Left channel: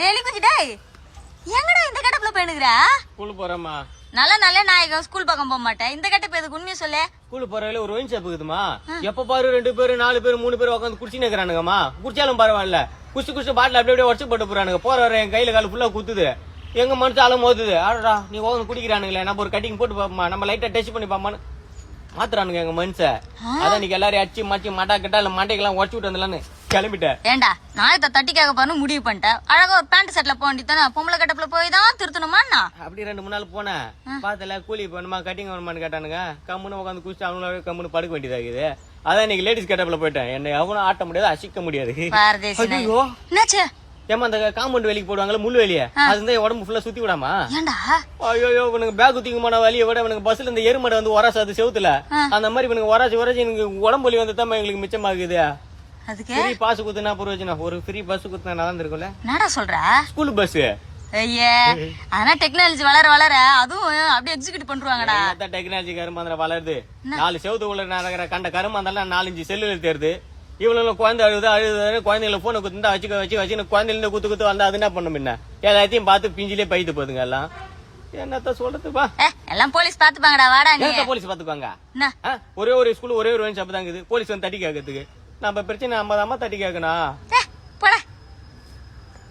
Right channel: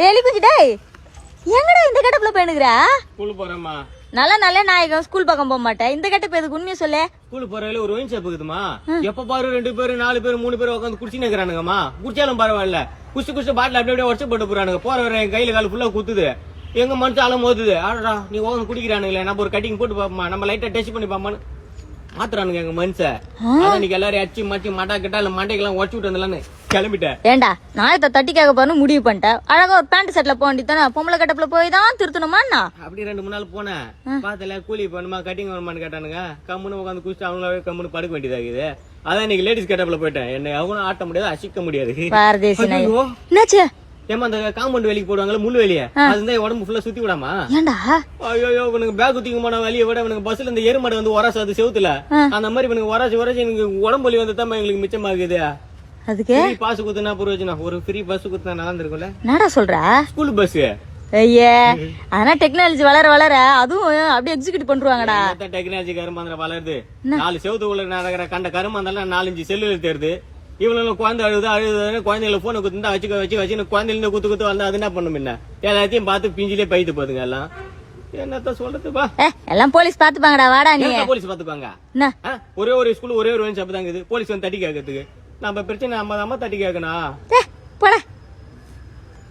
Daily குஞ்சு டேய் எங்கடா இந்த கட்டப்புல போயினுக்குற? ஸ்கூல் போறேம்மா. நல்ல நாயகம் ஸ்கூல் பக்கம் போக மாட்டேன். இந்த கட்டப்பு எதுக்கு உண்மையை சொல்லு. ஸ்கூல் போறதுல ஒரு ஒயின் ஷாப் இருக்குதுமா. எப்ப பாரு 2 பேரு 4 பேரு 3 பேரு உட்காந்து குடிச்சு நிக்கிறானுங்கம்மா. குடிச்சாலும் பரவாயில்ல. குடிச்சு பாட்டில் அப்படியே உடச்சு போட்டு போறானுங்க. போற கையில கால ஃபுல்லா குத்துது. எங்க மனுஷாலும் மோதுது. ஆடா நீ ஓகன் குடிக்கிறானுங்களே, நம்ம ஒரு கட்டிங் போட்டு பாப்போமா, நம்ம லைட்டா டெஸ்ட் பண்ணி பாப்பான்னு மாத்துறானுங்க எங்க மனுஷன். அதான் இன்னைக்கு எல்லாரும் அடிச்சு மாச்சி மட்டா கிட்டா இல்ல மண்டைக்கெல்லாம் உடச்சு விட்டு வந்தலான்னு கிளம்பிட்டேன். ஏண்டா நாயத்தை தட்டி கேட்க பாருன்னு முடிவு பண்ணிட்டேன். அழகா ஒரு பேண்ட் செட்ல போக வேண்டியதானே. பொம்பளை கட்டப்புல போய் தான் திருத்தணுமாண்ணா. அப்படி 2 3 நாள் போனேன். பாத்துல கூலி பண்ணுமா கட்டிங் பண்ணுமான்னு கேட்டானுங்க. கம்முன்னு உட்காந்து குடிச்சு அவங்களாவே கம்முன்னு படுக்க வேண்டியதாகுது. அதான் இன்னைக்கு லேடிஸ் கட்டப்புல போயிட்டேன். என்னை எவனும் ஆட்ட முடியாது, அசிக்க முடியாது. பாரதேசி நாய். என்னாச்சு? ஏமா அந்த காம்பவுண்ட் வேலைக்கு போடுவாங்கல்ல முள்ளு வெளியே, அதுதான் உடம்பு ஃபுல்லா சுத்தி விடாமா. ஏண்டா ஐயோ இவனுக்கு பேக் தூக்கமான வலியை விட இவனுக்கு பஸ்ல இந்த எருமடை வந்து உரசாது செவுத்துல. அந்த மாதிரி இவனுக்கு உரசி எனக்கு உடம்பு வலி வந்து தான் எங்களுக்கு மிச்சமாகுது. அதுக்கு பாஸ் குத்துனா புரியோஜனம். ஒரு ஃப்ரீ பஸ் குத்துனா நல்லா இருந்திருக்கும்ல. என்னடா சொல்ற? School bus. ஐயே ஆனா டெக்னாலஜி வளர அதுவும் அப்படியே எக்ஸிக்யூட் பண்றாங்கடா. டெக்னாலஜி கருமாந்திர வளருது. 4 செவத்துக்குள்ள நடக்கிற கண்ட கருமாந்தெல்லாம் 4-5 செல்லுல தேருது. இவ்வளவு குழந்தை அழுது குழந்தைங்களை போன குத்துந்தா வச்சு குழந்தைல குத்து வந்து அது என்ன பண்ணும் என்ன எல்லாத்தையும் பார்த்து பிஞ்சிலே பைத்து போதுங்க எல்லாம். என்னத்த சொல்றதுப்பா, எல்லாம் போலீஸ் பாத்துப்பாங்கடா. வாடா நீ. போலீஸ் பாத்துப்பாங்க. ஒரே ஒரு ஸ்கூல் ஒரே ஒரு ஷாப் தான் இருக்குது. போலீஸ் வந்து தட்டி கேட்கறதுக்கு நம்ம பிரச்சனை நம்ம தட்டி கேட்கணும்.